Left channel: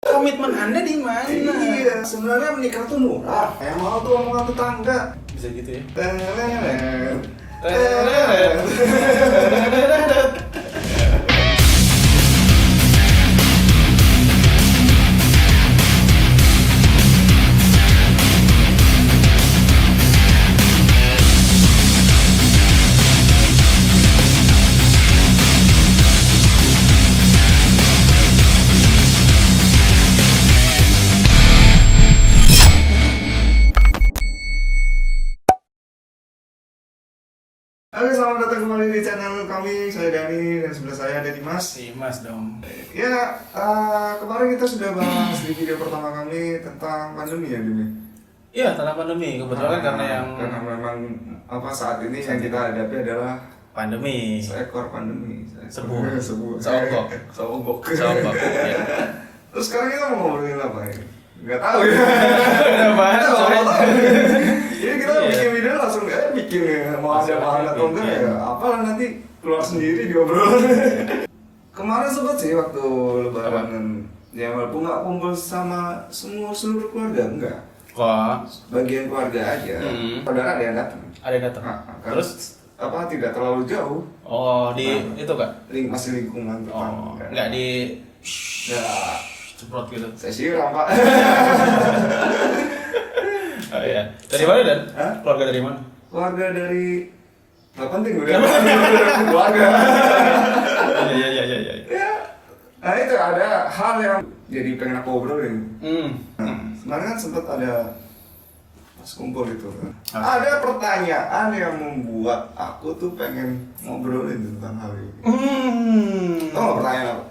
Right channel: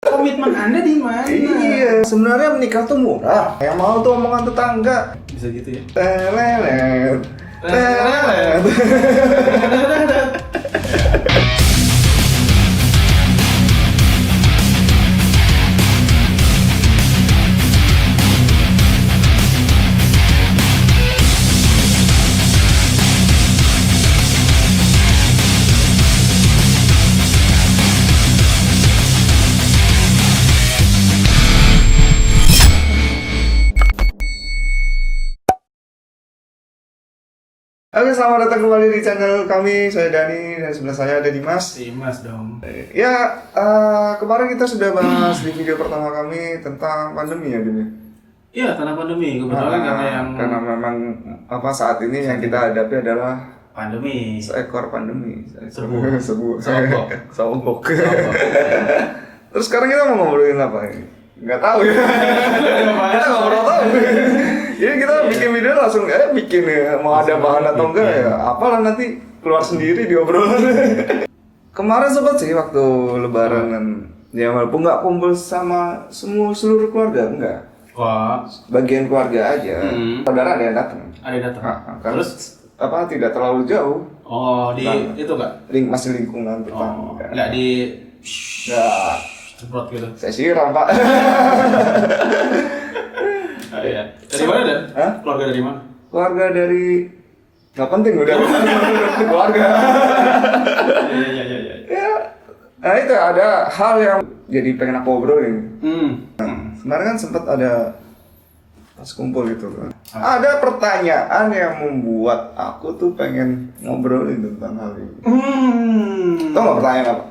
Komitmen Anda di mana? Iya, sebenarnya menikah tuh murah. Yang mau tuh omongan tetangga. Bisa gitu ya. Telelet. Oke, selamat datang kembali di channel kami. Saya Dani dan sebelah saya ada Dimas. Dimas dong. Ya, kemarin kita sudah bahas di video pertama kami tentang pandemi ya, Dini. Iya, karena pandemi kebetulan Karena memang saat ini yang kita hadapi adalah pandemi. seekor pandemi. Sobok. Sobok. Terus sekarang kita mau ngobrolin apa ini? Nggak tahu ya. Kita nggak tahu. Jadi kita bikin video langsung bikin ya, mau ada bahan atau enggak ya, apalah nanti keluar sendiri di obrolan. Kemarin sempat sih waktu lebaran ya, walaupun nggak kumpul sama seluruh keluarga, enggak. Wah. Bagian keluarga aja. Saudara ada yang datang. Ada yang datang. Terus tidak terlalu jauh. Oh, di itu enggak? Masih lingkungan tetangga. Enggak di Nggak. semprot gitu. Saya siram, Pak. Oh, iya. Dari mana Dan? Hah? Keluarga dari mana? Keluarga dari nggak penting udah keluarga. Iya. Ya, nah itu ada hal yang jadi pengen aku obrolin. Kemarin kan sempat ada pas kumpul itu kan. Ada pertanyaan yang membuat aku tuh pengen ngobrolin tentang hal ini. Tahu nggak pertanyaan apa?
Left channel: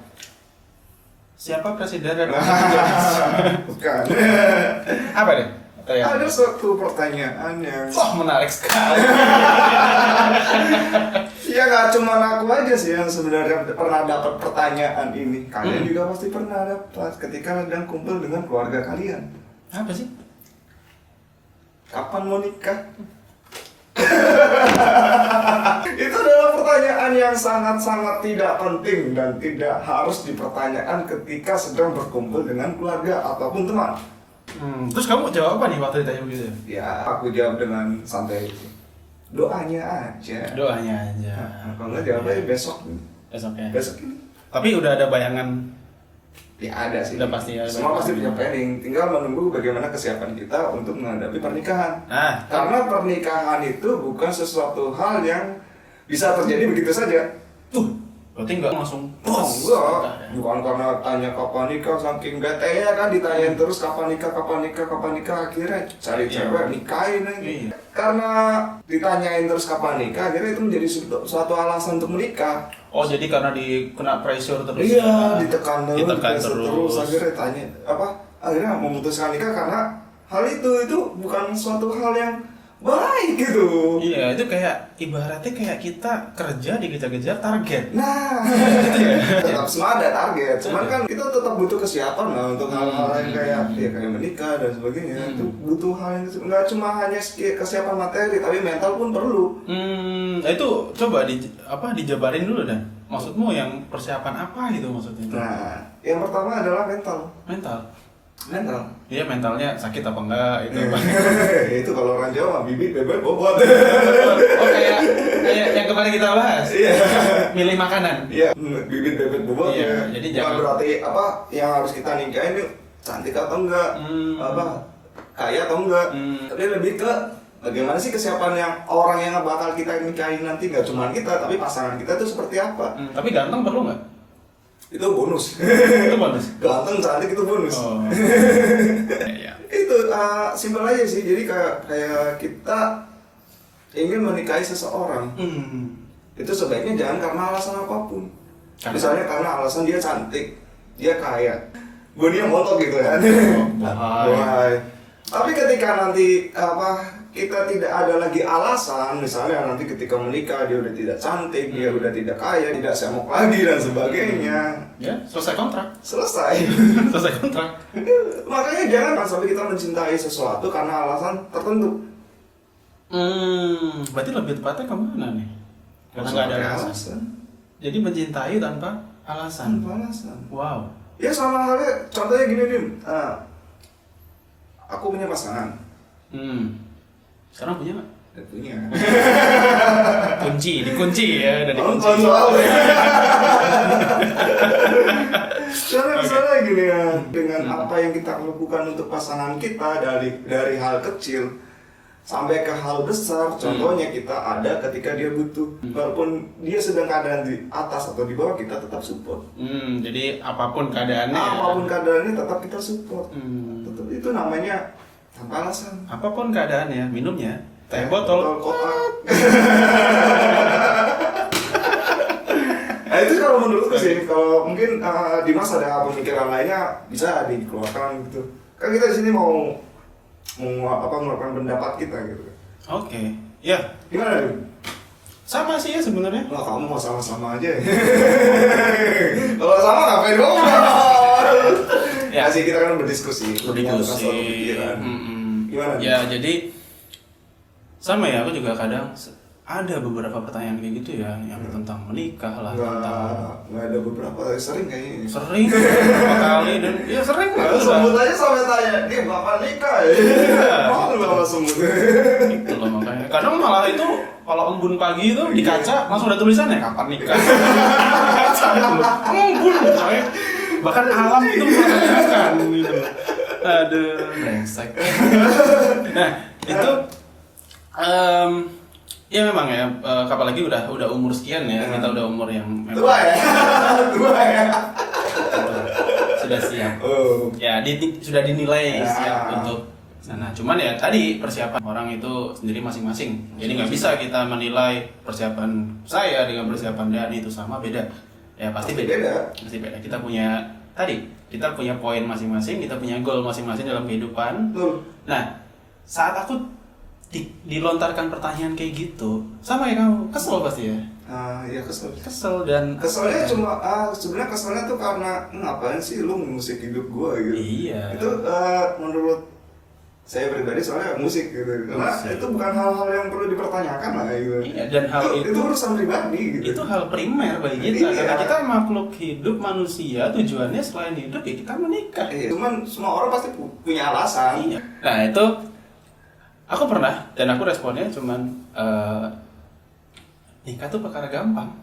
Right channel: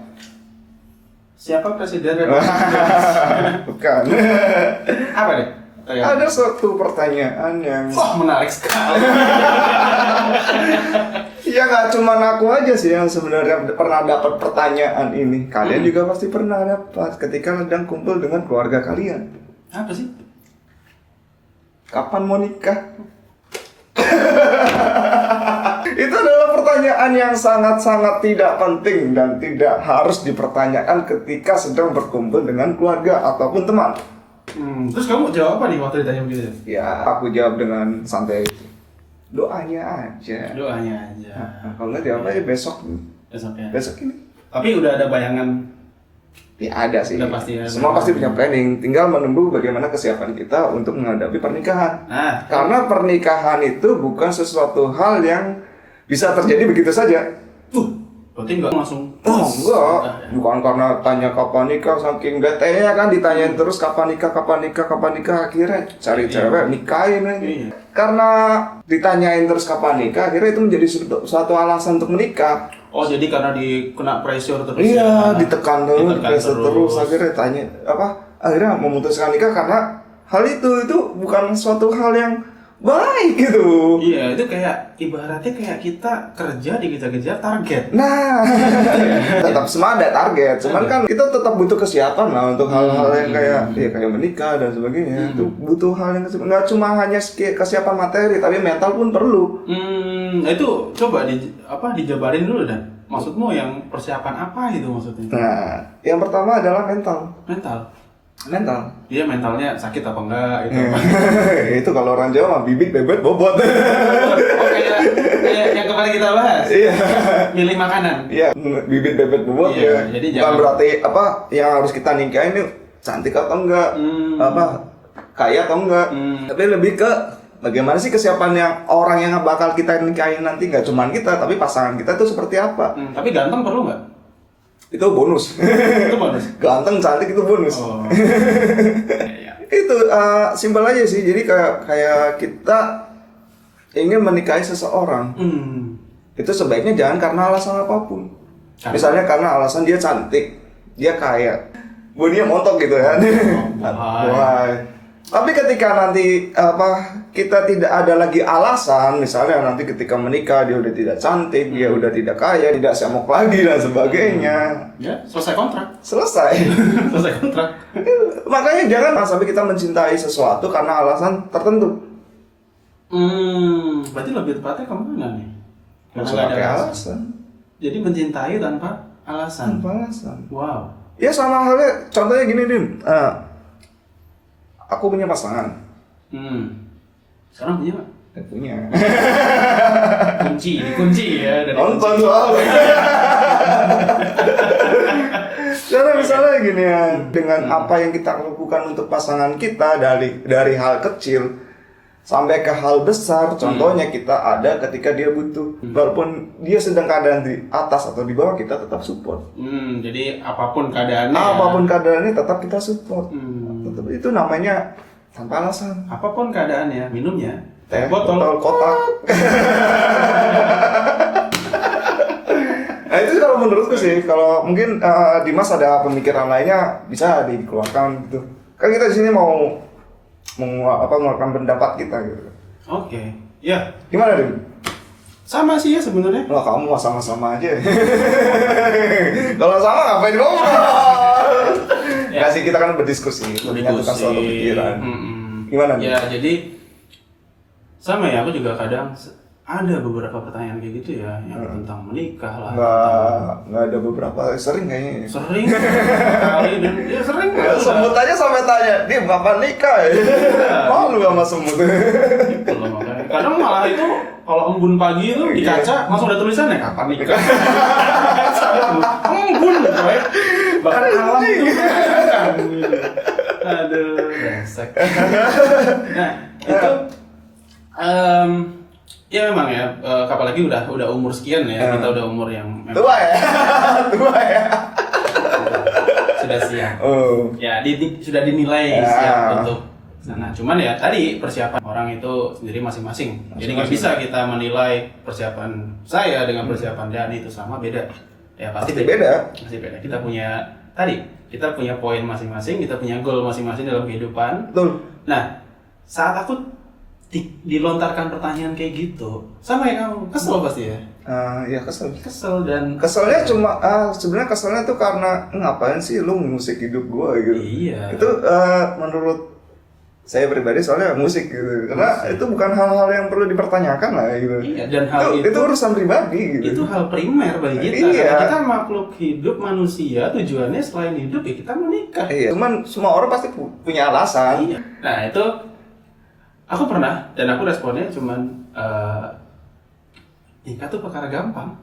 Siapa presiden dan Bukan. apa nih? Ada suatu pertanyaan yang Menarik sekali. ya nggak cuma aku aja sih yang sebenarnya pernah dapat pertanyaan ini. Kalian juga pasti pernah dapat ketika sedang kumpul dengan keluarga kalian. Apa sih? Kapan mau nikah? Itu adalah pertanyaan yang sangat-sangat tidak penting dan tidak harus dipertanyakan ketika sedang berkumpul dengan keluarga ataupun teman. Terus kamu jawab apa nih waktu ditanya begitu? Ya, aku jawab dengan santai. Doanya aja. Doanya aja. Nah, kalau nggak jawab aja besok. Besoknya. Besok ini. Tapi udah ada bayangan. Ya ada sih. Udah pasti ada. Semua pasti punya planning. Tinggal menunggu bagaimana kesiapan kita untuk menghadapi pernikahan. Nah, Karena pernikahan itu bukan sesuatu hal yang bisa terjadi begitu saja. berarti nggak langsung. Oh enggak, bukan karena tanya kapan nikah, saking bete-nya kan ditanyain terus kapan nikah, akhirnya cari cewek nikahin aja. Karena ditanyain terus kapan nikah, akhirnya itu menjadi suatu alasan untuk menikah. Oh, jadi karena kena pressure terus. Iya, ditekan Ditekan terus, akhirnya tanya akhirnya memutuskan nikah karena hal itu bukan suatu hal yang baik gitu. Iya, itu kayak ibaratnya kayak kita kerja dikejar-kejar target. Nah, tetap semua ada target, cuman kan kita tetap butuh kesiapan lah untuk hal-hal yang kayak menikah dan sebagainya. Itu butuh hal yang nggak cuma hanya kesiapan materi, tapi mental pun perlu. Itu coba dijabarin dulu Dan. Maksudmu yang persiapan apa itu maksudnya? Nah, yang pertama adalah mental. Mental. Dia mentalnya sakit apa enggak itu. Itu kalau orang Jawa bibit bebet bobot. Oh, kayak yang kemarin kita bahas. Iya. Milih makanan. Iya, bibit bebet bobot Iya, ya. jadi Bukan jangan berarti yang harus kita nikahin ini cantik atau enggak, kaya atau enggak. Tapi lebih ke bagaimana sih kesiapan yang orang yang bakal kita nikahin nanti, nggak cuma kita, tapi pasangan kita itu seperti apa. Tapi ganteng perlu nggak? Itu bonus. Itu bonus. Ganteng, cantik itu bonus. Oh. Iya. Itu simpel aja sih. Jadi kayak kita ingin menikahi seseorang. Itu sebaiknya jangan karena alasan apapun. Misalnya karena alasan dia cantik, dia kaya, bunyinya montok gitu kan. Wah. Tapi ketika nanti kita tidak ada lagi alasan, misalnya nanti ketika menikah dia udah tidak cantik, dia udah tidak kaya, tidak semok lagi dan sebagainya. Ya, selesai kontrak. Selesai kontrak. Makanya jangan sampai kita mencintai sesuatu karena alasan tertentu. Berarti lebih tepatnya kemana nih? Karena nggak Pakai ada alasan. Jadi mencintai tanpa alasan. Tanpa alasan. Wow. Ya sama halnya, contohnya gini nih, aku punya pasangan. Sekarang punya nggak? Punya. Dikunci ya dari Nonton soalnya. Karena misalnya gini ya, dengan apa yang kita lakukan untuk pasangan kita dari hal kecil sampai ke hal besar, contohnya kita ada ketika dia butuh, walaupun dia sedang keadaan di atas atau di bawah, kita tetap support. Jadi apapun keadaannya. Apapun keadaannya tetap kita support. Tetap, itu namanya tanpa alasan. Apapun keadaannya, minumnya teh botol kotak. Nah itu kalau menurutku sih, kalau mungkin Dimas ada pemikiran lainnya bisa dikeluarkan gitu. Kan kita di sini mau mengeluarkan pendapat kita gitu. Oke. Ya. Gimana Dim? Sama sih ya sebenarnya. Wah kamu mah sama-sama aja. Kalau sama ngapain ngobrol? Ya sih kita kan berdiskusi, menyatukan suatu pikiran. Gimana? Ya jadi sama ya, aku juga kadang ada beberapa pertanyaan kayak gitu ya, yang tentang menikah lah. Nggak ada beberapa, sering kayaknya. Sering beberapa kali dan ya sering. Semut aja sampai tanya, dia bapak nikah ya? Malu sama semut. Gitu loh makanya. Kadang malah itu kalau embun pagi itu di kaca langsung ada tulisannya kapan nikah. Embun gitu ya. Bahkan alam itu menanyakan gitu. Aduh, brengsek. Nah, itu ya memang ya, apalagi udah umur sekian ya, kita udah umur yang tua ya. Sudah siap. Ya, sudah dinilai siap untuk sana. Cuman ya tadi persiapan orang itu sendiri masing-masing. Jadi nggak bisa kita menilai persiapan saya dengan persiapan Dani itu sama, beda. Ya pasti beda. Kita punya poin masing-masing, kita punya goal masing-masing dalam kehidupan. Betul. Nah, saat aku dilontarkan pertanyaan kayak gitu, sama ya kamu, kesel pasti ya? Ya kesel dan keselnya cuma sebenarnya keselnya tuh karena ngapain sih lu musik hidup gua gitu. Iya. Itu menurut saya pribadi soalnya musik gitu, karena itu bukan hal-hal yang perlu dipertanyakan lah gitu. Iya, dan hal itu urusan pribadi gitu. Itu hal primer bagi kita. Iya. Karena kita makhluk hidup manusia, tujuannya selain hidup ya kita menikah. Iya. Cuman semua orang pasti punya alasan. Iya. Nah itu aku pernah dan aku responnya cuman nikah tuh perkara gampang.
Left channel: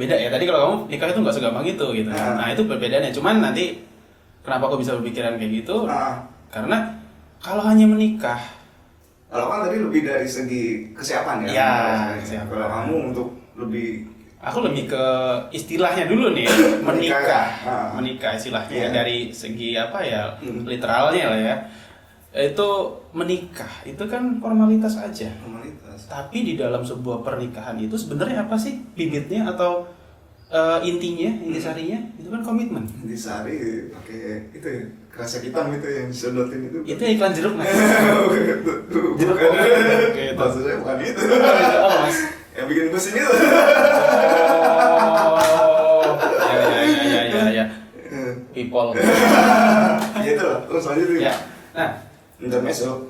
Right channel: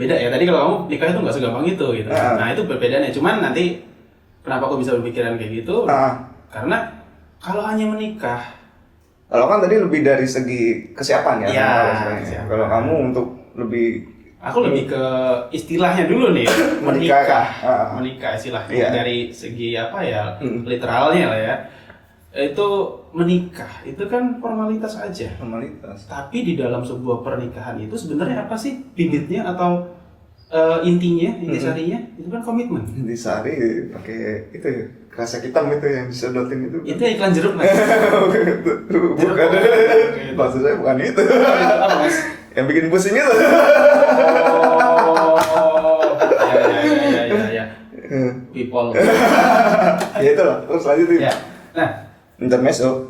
Beda ya, tadi kalau kamu nikah itu nggak segampang itu gitu. Nah itu perbedaannya. Cuman nanti kenapa aku bisa berpikiran kayak gitu? Karena kalau hanya menikah, kalau kan tadi lebih dari segi kesiapan ya. Kesiapan. Kalau kamu untuk lebih, aku lebih ke istilahnya dulu nih, menikah istilahnya dari segi apa ya, literalnya lah ya. Itu menikah itu kan formalitas aja. Tapi di dalam sebuah pernikahan itu sebenarnya apa sih bibitnya atau intisarinya itu kan komitmen. Intisari pakai itu kaset hitam itu yang disedotin itu. Itu iklan jeruk nggak? Bukan. Maksud saya bukan itu. Apa mas? Yang bikin pusing itu. Ya. People. Ya itu loh. Terus lanjut ya. Nah. Intermezzo,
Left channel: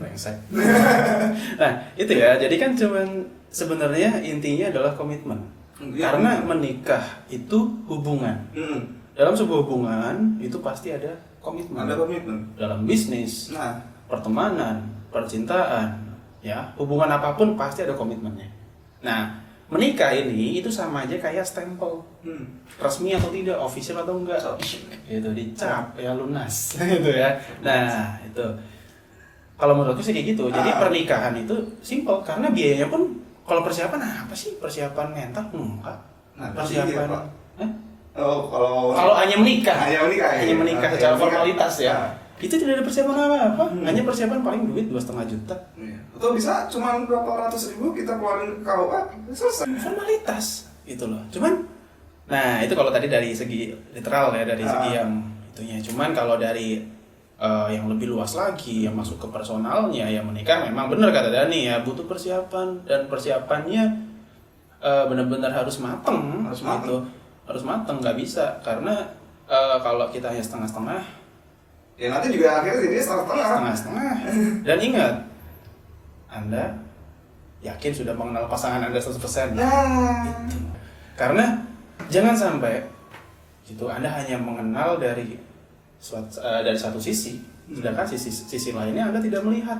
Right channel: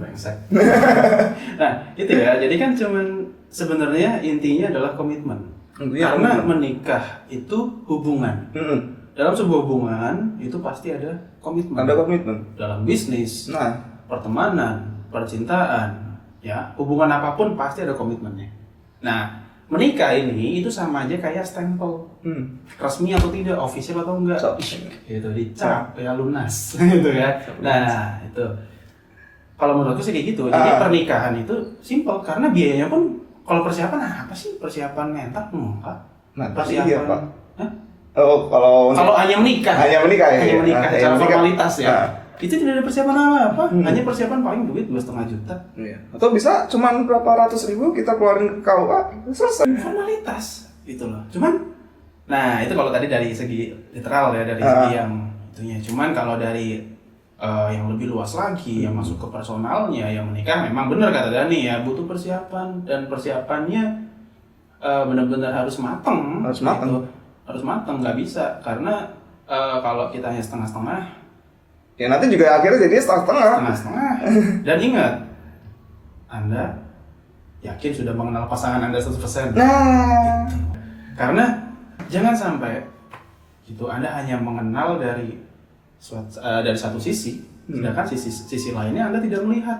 brengsek. Nah, itu ya. Jadi kan cuman sebenarnya intinya adalah komitmen. Karena menikah itu hubungan. Dalam sebuah hubungan itu pasti ada komitmen. Ada komitmen. Dalam bisnis, pertemanan, percintaan, ya hubungan apapun pasti ada komitmennya. Nah, menikah ini itu sama aja kayak stempel. Resmi atau tidak, official atau enggak, itu dicap ya lunas gitu ya. Nah itu kalau menurutku sih kayak gitu. Jadi pernikahan itu simple karena biayanya pun kalau persiapan apa sih, persiapan mental enggak. Persiapan Pak. Kalau hanya menikah secara formalitas ya. Itu tidak ada persiapan apa-apa, hanya persiapan paling duit 2,5 juta. Atau bisa cuman berapa ratus ribu kita keluarin ke KUA, selesai. Formalitas itu loh. Nah itu kalau tadi dari segi literal ya, dari segi yang itunya. Cuman kalau dari yang lebih luas lagi, yang masuk ke personalnya, yang menikah memang benar kata Dani ya, butuh persiapan dan persiapannya benar-benar harus mateng. Harus mateng, nggak bisa karena kalau kita hanya setengah-setengah, ya nanti juga akhirnya jadi setengah-setengah. Dan ingat, Anda yakin sudah mengenal pasangan Anda 100%. Nah, karena jangan sampai Itu Anda hanya mengenal dari satu sisi, sedangkan sisi lainnya Anda tidak melihat.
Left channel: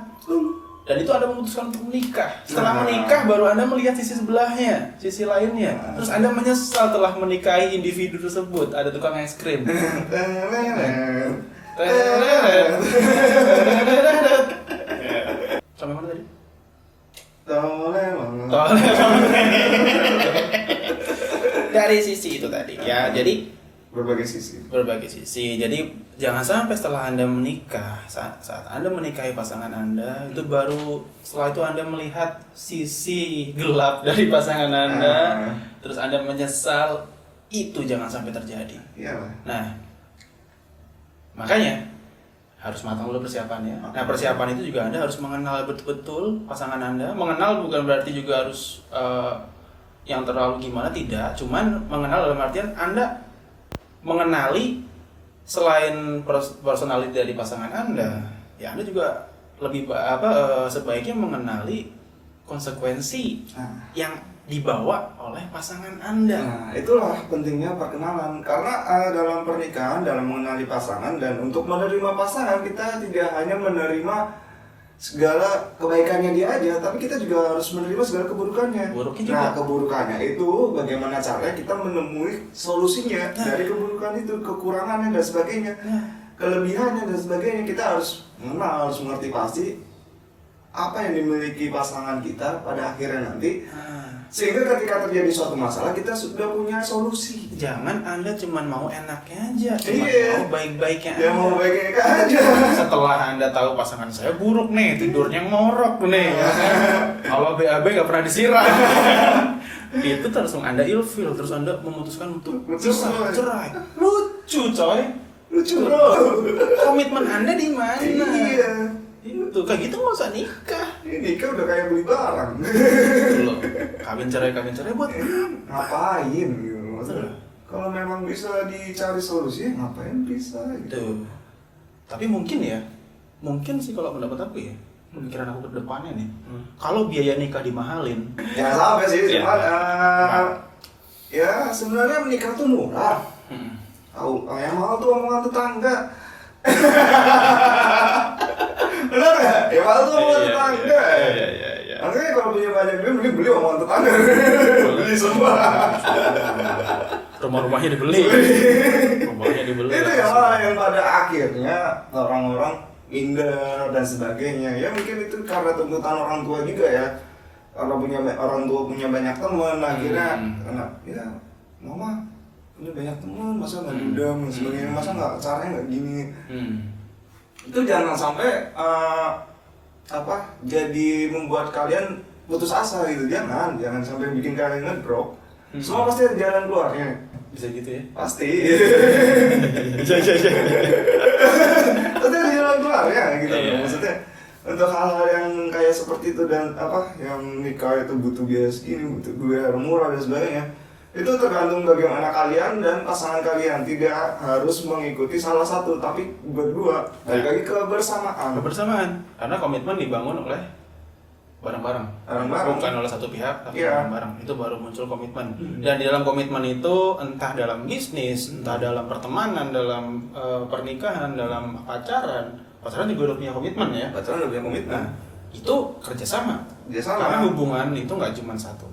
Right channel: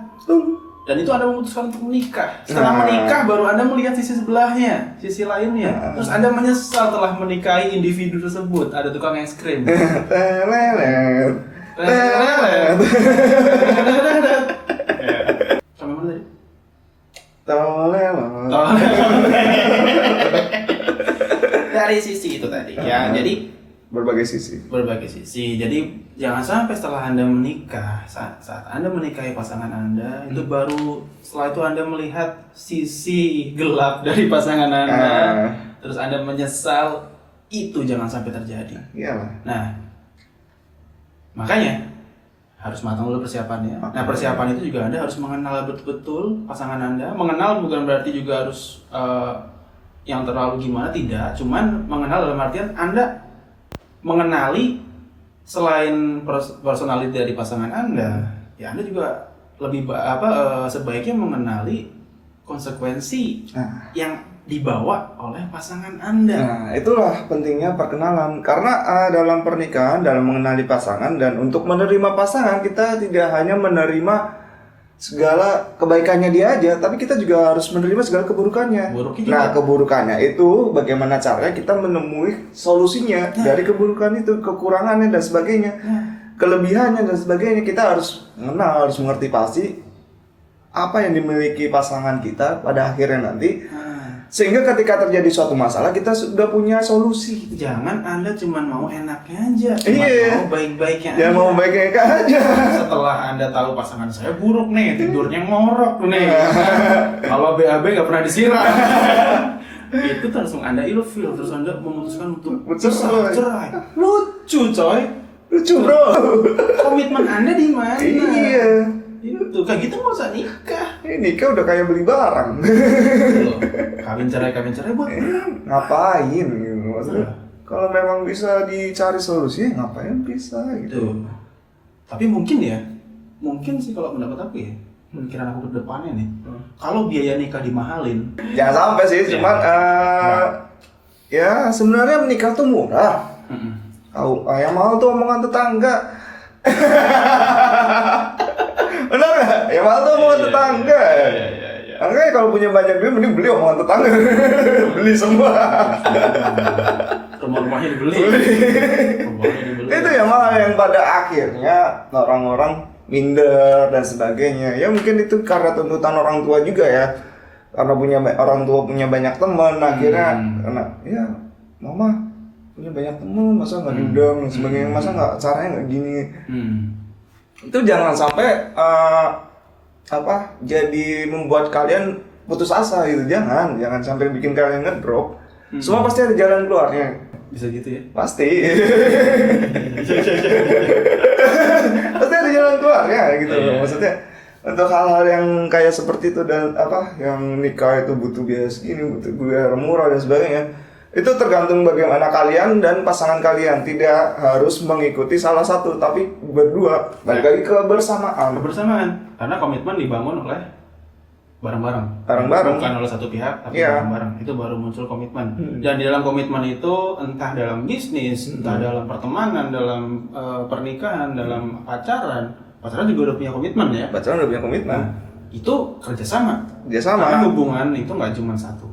Dan itu Anda memutuskan untuk menikah. Setelah menikah baru Anda melihat sisi sebelahnya, sisi lainnya. Terus Anda menyesal telah menikahi individu tersebut. Ada tukang es krim. Sampai mana tadi? Dari sisi itu tadi. Ya, jadi berbagai sisi. Jadi jangan sampai setelah Anda menikah, saat Anda menikahi pasangan Anda, itu baru setelah itu Anda melihat sisi gelap dari pasangan Anda, terus Anda menyesal. Itu jangan sampai terjadi. Iyalah. Nah, makanya harus matang dulu persiapannya. Nah, persiapan itu juga Anda harus mengenal betul-betul pasangan Anda. Mengenal bukan berarti juga harus yang terlalu gimana, tidak. Cuman mengenal dalam artian Anda mengenali selain personality dari pasangan Anda, ya Anda juga lebih sebaiknya mengenali konsekuensi yang dibawa oleh pasangan Anda. Nah, itulah pentingnya perkenalan. Karena dalam pernikahan, dalam mengenali pasangan dan untuk menerima pasangan, kita tidak hanya menerima segala kebaikannya dia aja, tapi kita juga harus menerima segala keburukannya. Nah, keburukannya itu bagaimana caranya kita menemui solusinya dari keburukan itu, kekurangannya dan sebagainya, kelebihannya dan sebagainya. Kita harus mengenal, harus mengerti pasti apa yang dimiliki pasangan kita pada akhirnya nanti. Sehingga ketika terjadi suatu masalah, kita sudah punya solusi. Jangan Anda cuma mau enaknya aja, mau baik-baiknya aja. Ya mau baik-baiknya aja. Setelah Anda tahu pasangan saya buruk nih, tidurnya ngorok nih, kalau BAB nggak pernah disiram, itu langsung Anda ilfil, terus Anda memutuskan untuk cerai. Lucu coy. Lucu bro. Komitmen Anda di mana? Iya. Itu kayak gitu nggak usah nikah. Nikah udah kayak beli barang. Kawin cerai buat ngapain gitu maksudnya. Kalau memang bisa dicari solusi, ngapain bisa gitu. Tapi mungkin sih kalau pendapat aku ya, pikiran aku ke depannya nih, kalau biaya nikah dimahalin, jangan sampai sih, cuman ya sebenarnya menikah tuh murah. Yang mau tuh omongan tetangga. Benar nggak? Ya malah tuh omongan tetangga. Makanya kalau punya banyak duit, mending beli omongan tetangga. Beli semua. Rumah-rumahnya dibeli. Itu ya malah yang pada akhirnya orang-orang minder dan sebagainya. Ya mungkin itu karena tuntutan orang tua juga ya. Karena orang tua punya banyak teman, akhirnya ya mama punya banyak teman, masa nggak diundang dan sebagainya, masa nggak caranya nggak gini. Itu jangan sampai jadi membuat kalian putus asa gitu. Jangan sampai bikin kalian ngedrop. Semua pasti ada jalan keluarnya. Bisa gitu ya? Pasti. Pasti ada jalan keluarnya gitu. Maksudnya untuk hal-hal yang kayak seperti itu dan yang nikah itu butuh biaya segini, butuh biaya murah dan sebagainya. Itu tergantung bagaimana kalian dan pasangan kalian. Tidak harus mengikuti salah satu, tapi berdua. Balik lagi kebersamaan. Karena komitmen dibangun oleh bareng-bareng. Bukan oleh satu pihak, tapi bareng-bareng. Itu baru muncul komitmen. Dan di dalam komitmen itu, entah dalam bisnis, entah dalam pertemanan, dalam pernikahan, dalam pacaran juga udah punya komitmen ya. Pacaran udah punya komitmen. Itu kerjasama. Karena hubungan itu nggak cuma satu.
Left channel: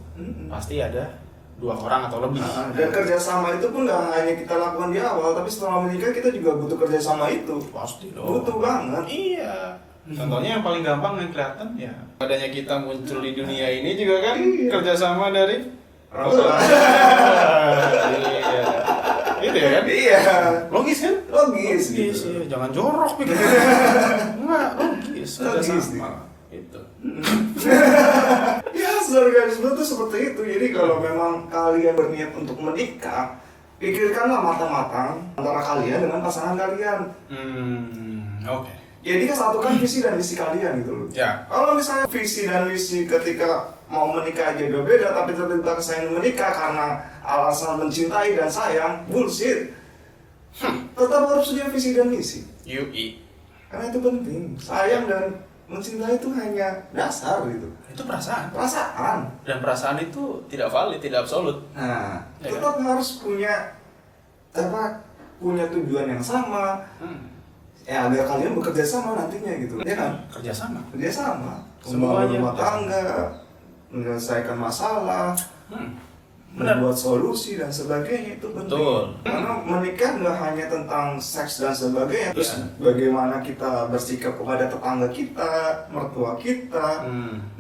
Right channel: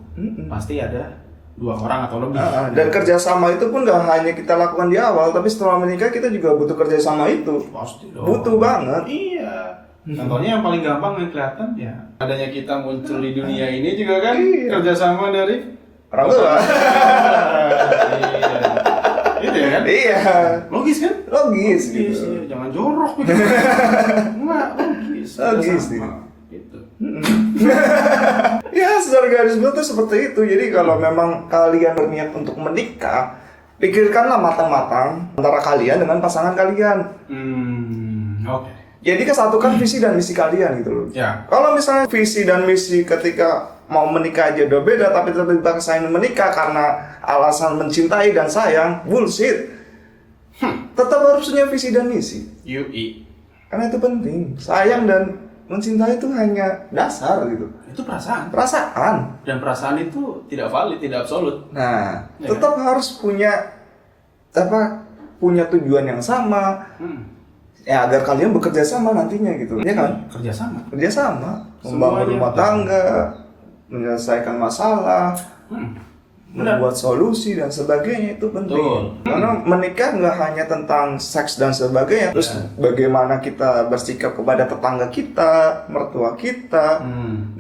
Pasti ada 2 orang atau lebih. Dan kerjasama itu pun gak hanya kita lakukan di awal, tapi setelah menikah kita juga butuh kerjasama itu. Pasti dong. Butuh banget. Iya. Contohnya yang paling gampang yang kelihatan ya adanya kita muncul di dunia ini juga kan kerjasama dari orang tua. Iya. Gitu ya kan? Iya. Logis kan? Logis. Gitu. Iya. Jangan jorok gitu. Enggak, logis. Gitu. Ya, secara garis besar seperti itu. Jadi kalau memang kalian berniat untuk menikah, pikirkanlah matang-matang antara kalian dengan pasangan kalian. Oke. Jadi kesatukan visi dan misi kalian gitu loh. Ya. Kalau misalnya visi dan misi ketika mau menikah aja udah beda, tapi tiba-tiba ingin menikah karena alasan mencintai dan sayang, bullshit. Tetap harus punya visi dan misi. Karena itu penting. Sayang dan mencintai itu hanya dasar gitu. Itu perasaan. Dan perasaan itu tidak valid, tidak absolut. Nah, tetap harus punya punya tujuan yang sama, ya agar kalian bekerja sama nantinya gitu, ya kan? Kerja sama, membangun rumah tangga, menyelesaikan masalah, membuat solusi dan sebagainya, itu penting. Betul. Karena menikah nggak hanya tentang seks dan sebagainya, terus bagaimana kita bersikap kepada tetangga kita, mertua kita,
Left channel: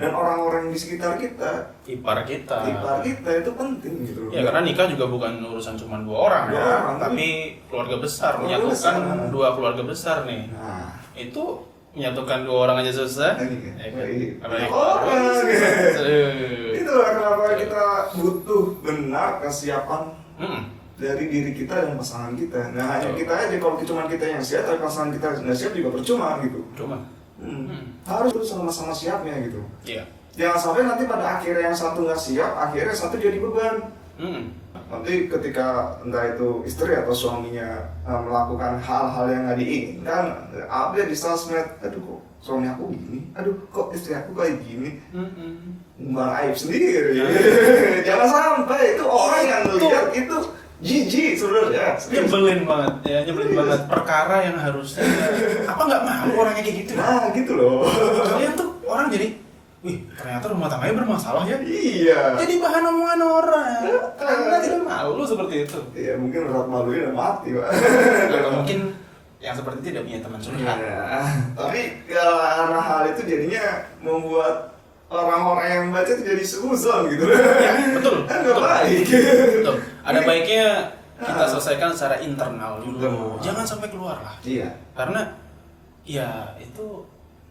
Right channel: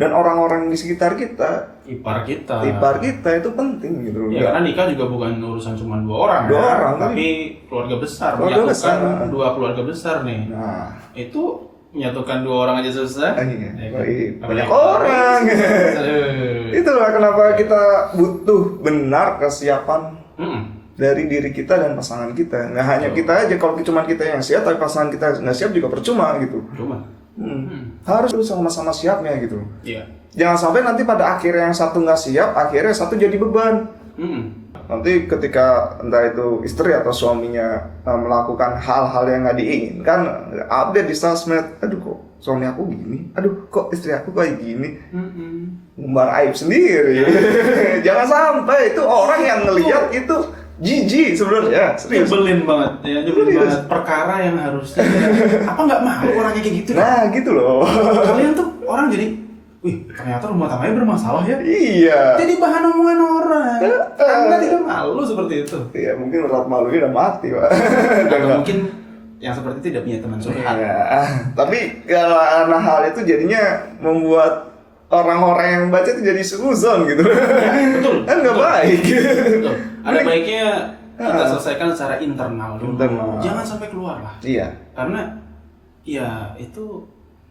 dan orang-orang di sekitar kita, ipar kita itu penting gitu. Ya karena nikah juga bukan urusan cuma dua orang, tapi keluarga besar, menyatukan dua keluarga besar nih. Nah, itu menyatukan dua orang aja susah. Banyak orang. Itulah kenapa kita butuh benar kesiapan dari diri kita dan pasangan kita. Nah, hanya kita aja, kalau cuma kita yang siap tapi pasangan kita nggak siap juga percuma gitu. Harus tuh sama-sama siapnya gitu. Iya. Jangan sampai nanti pada akhirnya yang satu nggak siap, akhirnya satu jadi beban. Nanti ketika entah itu istri atau suaminya melakukan hal-hal yang nggak diinginkan, update di sosmed, aduh kok suami aku gini, aduh kok istri aku kayak gini, umbar aib sendiri. Jangan sampai itu orang yang ngelihat itu jijik sebenarnya. Nyebelin banget, ya nyebelin banget. Perkara yang harusnya apa nggak malu orangnya kayak gitu? Nah gitu loh. Kalian tuh orang jadi, wih ternyata rumah tangganya bermasalah ya? Iya. Jadi bahan omongan orang. Karena tidak malu seperti itu. Iya mungkin rasa malunya udah mati pak. Atau mungkin yang seperti itu tidak punya teman curhat. Ya, tapi karena hal itu jadinya membuat orang-orang yang baca itu jadi suzon gitu. Ya, betul. Kan nggak baik. Betul. Ada baiknya kita selesaikan secara internal dulu. Jangan sampai keluar lah. Iya. Karena ya itu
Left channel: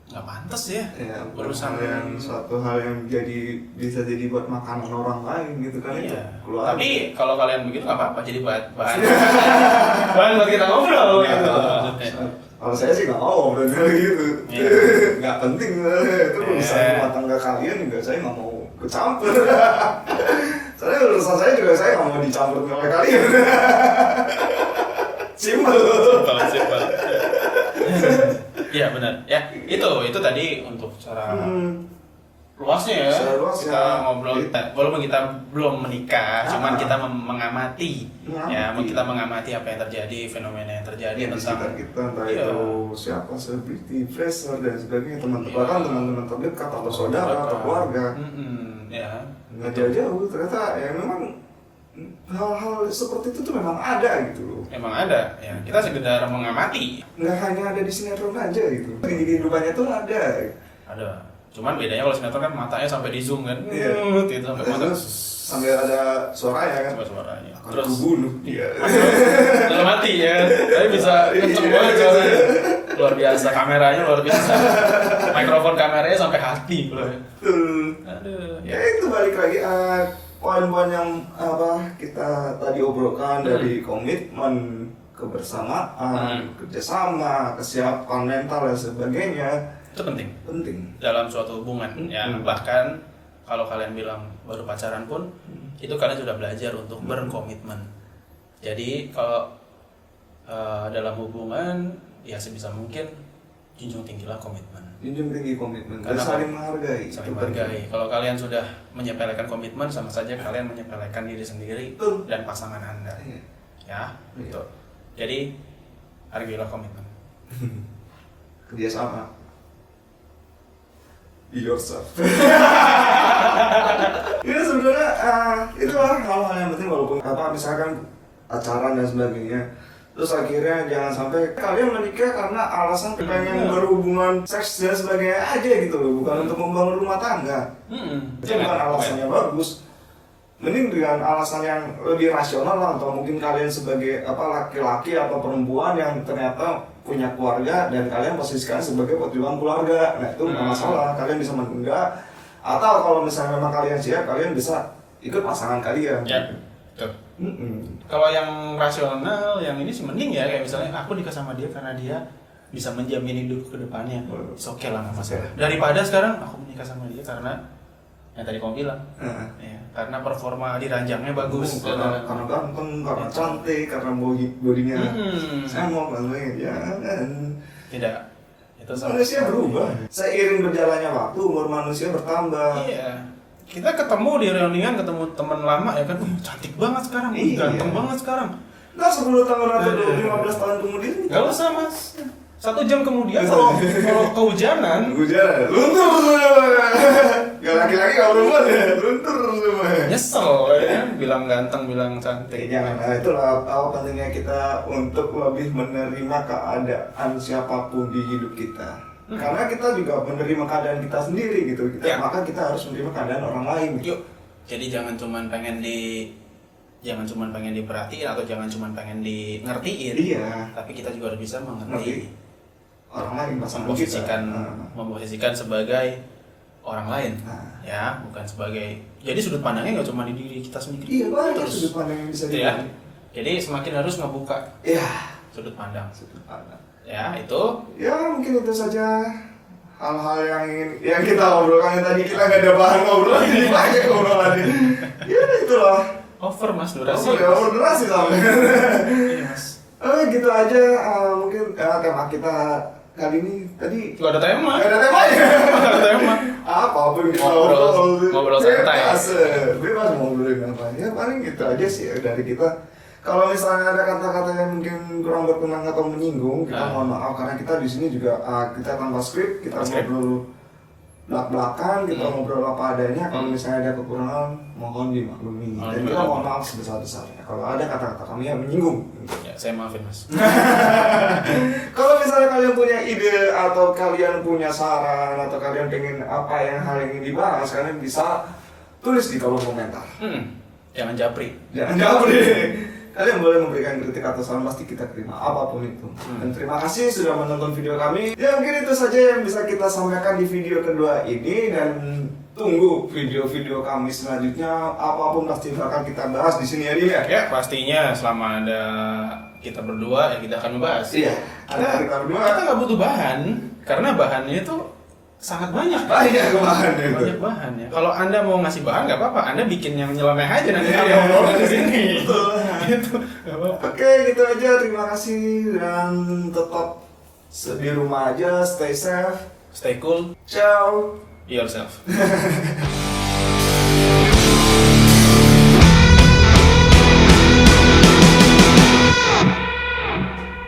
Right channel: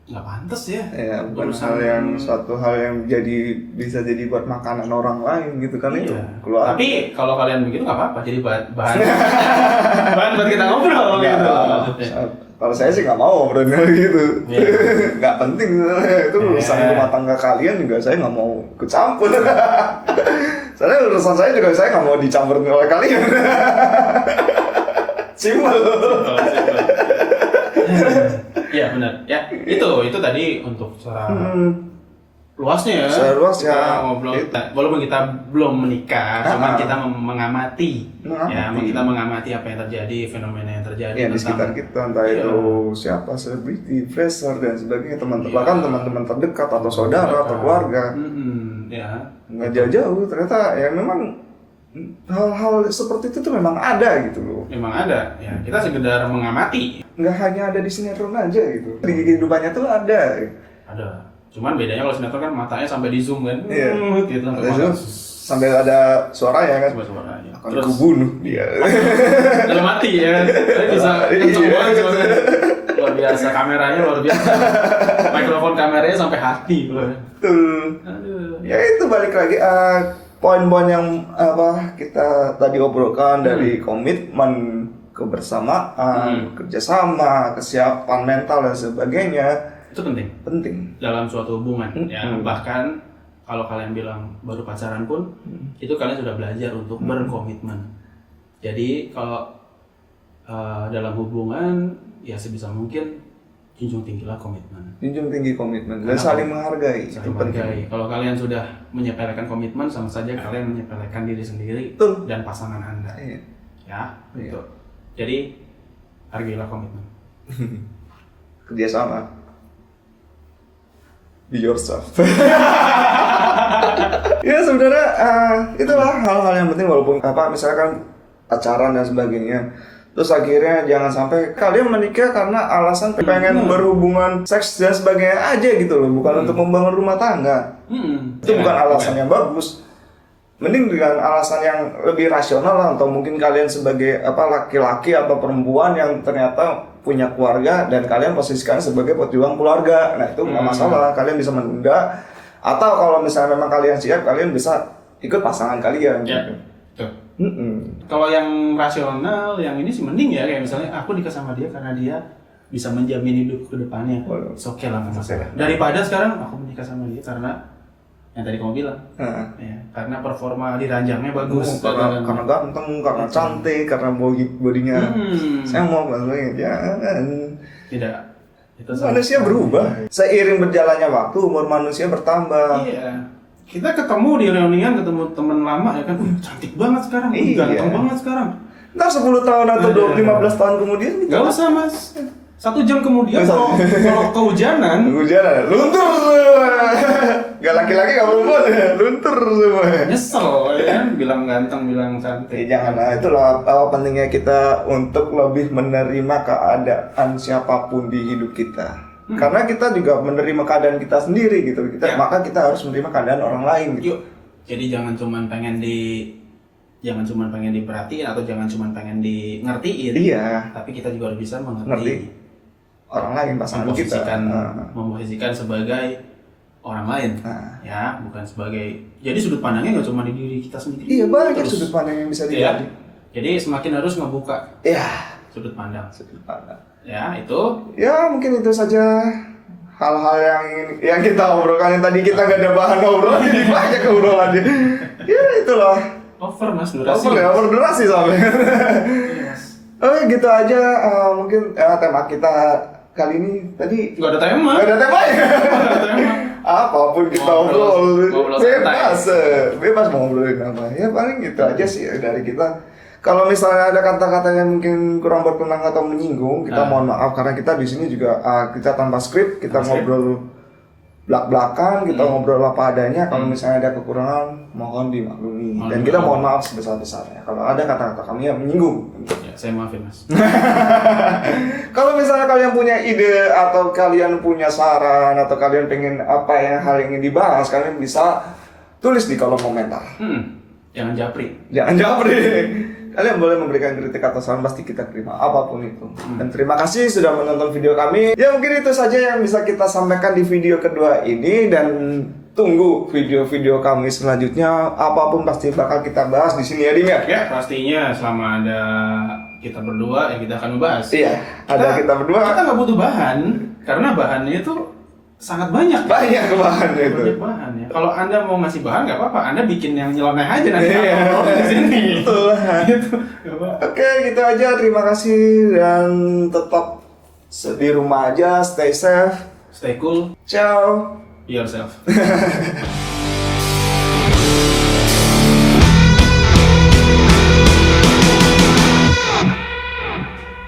nggak pantas ya. Ya, suatu hal yang bisa jadi buat makanan orang lain gitu kan itu. Keluar. Tapi kalau kalian begitu nggak apa-apa, jadi bahan bahan buat kita ngobrol gitu. Kalau saya sih nggak mau ngobrol gitu. Nggak penting itu urusan rumah tangga kalian juga saya nggak mau kecampur. Soalnya urusan saya juga saya nggak mau dicampur oleh kalian. Simpel. Iya benar. Ya itu tadi untuk cara luasnya ya. Secara luas ya. Kita ngobrol. Walaupun kita belum menikah, cuma kita mengamati. Ya, kita mengamati apa yang terjadi, fenomena yang terjadi di sekitar kita, entah itu siapa selebriti, influencer dan sebagainya, bahkan teman-teman terdekat atau saudara atau keluarga. Nggak jauh-jauh ternyata ya memang hal-hal seperti itu tuh memang ada gitu loh. Memang ada, ya kita sekedar mengamati. Nggak hanya ada di sinetron aja gitu, di kehidupannya tuh ada. Ada, cuman bedanya kalau sinetron kan matanya sampai di zoom kan, gitu, sampai ada suaranya kan. Sampai suaranya. Terus aku bunuh dia. Lalu mati ya, tapi bisa kenceng banget suaranya. Luar biasa, kameranya luar biasa. Mikrofon kameranya sampai hati loh. Betul. Ya itu balik lagi. Poin-poin yang kita tadi obrolkan dari komitmen, kebersamaan, kerjasama, kesiapan mental dan sebagainya itu penting dalam suatu hubungan. Ya bahkan kalau kalian bilang baru pacaran pun itu kalian sudah belajar untuk berkomitmen. Jadi kalau dalam hubungan ya sebisa mungkin junjung tinggilah komitmen. Junjung tinggi komitmen dan saling menghargai. Saling menghargai. Kalau kalian sudah menyepelekan komitmen, sama saja kalian menyepelekan diri sendiri dan pasangan Anda. Ya, betul. Jadi hargailah komitmen. Kerjasama. Be yourself. Ya sebenarnya itulah hal-hal yang penting, walaupun misalkan pacaran dan sebagainya. Terus akhirnya jangan sampai kalian menikah karena alasan pengen berhubungan seks dan sebagainya aja gitu loh, bukan untuk membangun rumah tangga. Itu bukan alasan yang bagus. Mending dengan alasan yang lebih rasional lah, atau mungkin kalian sebagai laki-laki atau perempuan yang ternyata punya keluarga dan kalian posisikan sebagai pejuang keluarga. Nah itu nggak masalah, kalian bisa menunda, atau kalau misalnya memang kalian siap, kalian bisa ikut pasangan kalian. Ya. Kalau yang rasional, yang ini sih mending ya, kayak misalnya aku nikah sama dia karena dia bisa menjamin hidup ke depannya. Oke lah, nggak masalah. Daripada sekarang aku menikah sama dia karena yang tadi kamu bilang, ya, karena performa di ranjangnya bagus, karena ganteng, karena cantik, karena bodinya saya mau banget ya. Tidak. Itu manusia berubah. Seiring berjalannya waktu, umur manusia bertambah. Iya. Kita ketemu di reunian, ketemu teman lama ya kan, cantik banget sekarang, ganteng banget sekarang. Ntar 10 tahun atau 15 tahun kemudian Gak usah mas, 1 jam kemudian kalau kehujanan luntur semua. Gak laki-laki gak perempuan ya, luntur semua. nyesel ya kan, bilang ganteng, bilang cantik. Janganlah, itulah pentingnya kita untuk lebih menerima keadaan siapapun di hidup kita. Karena kita juga menerima keadaan kita sendiri gitu. Maka kita harus menerima keadaan orang lain gitu. Yuk, jadi jangan cuman pengen diperhatiin atau jangan cuman pengen di ngertiin. Iya. Tapi kita juga harus bisa Ngerti mengerti orang lain, pasangan kita. memposisikan sebagai orang lain. Ya, bukan sebagai. Jadi sudut pandangnya nggak cuma di diri kita sendiri. Iya, banyak Terus, sudut pandang yang bisa ya. dilihat. Jadi semakin harus ngebuka sudut pandang. Ya, itu. Ya, mungkin itu saja hal-hal yang kita obrolkan. Yang tadi kita nggak ada bahan obrolan, ini banyak obrolannya. Ya, itulah. Over mas durasi. Over durasi sampai. Iya mas. Oke, gitu aja. Mungkin tema kita kali ini tadi Gak ada tema. nggak ada temanya. Gak ada tema. Apapun kita Ngobrol santai. bebas mau ngobrolin apa. Ya paling gitu aja sih ya, dari kita. Kalau misalnya ada kata-kata yang mungkin kurang berkenan atau menyinggung, kita mohon maaf karena kita di sini juga kita tanpa skrip, kita ngobrol belak-belakan, kita ngobrol apa adanya. Kalau misalnya ada kekurangan, mohon dimaklumi. Dan kita mohon maaf sebesar-besarnya kalau ada kata-kata kami yang menyinggung. Ya, saya maafin mas. Kalau misalnya kalian punya ide atau kalian punya saran atau kalian pengen apa hal yang ingin dibahas, kalian bisa tulis di kolom komentar. Jangan japri. Jangan jawab deh. Kalian boleh memberikan kritik atau saran, pasti kita terima apapun itu. Dan terima kasih sudah menonton video kami. Ya mungkin itu saja yang bisa kita sampaikan di video kedua ini, dan tunggu video-video kami selanjutnya. Apapun pasti bakal kita bahas di sini ya, Ding ya. Ya pastinya selama ada kita berdua ya kita akan membahas. Iya, ada kita berdua. Kita nggak butuh bahan karena bahannya itu sangat banyak. Banyak bahan itu. Banyak bahan ya. Kalau anda mau ngasih bahan nggak apa-apa, anda bikin yang nyeleneh aja nanti Iya. kita ngobrol di sini. Betul. Gitu. Nggak apa-apa. Oke, gitu aja. Terima kasih dan tetap di rumah aja, stay safe. Stay cool, Ciao. be yourself.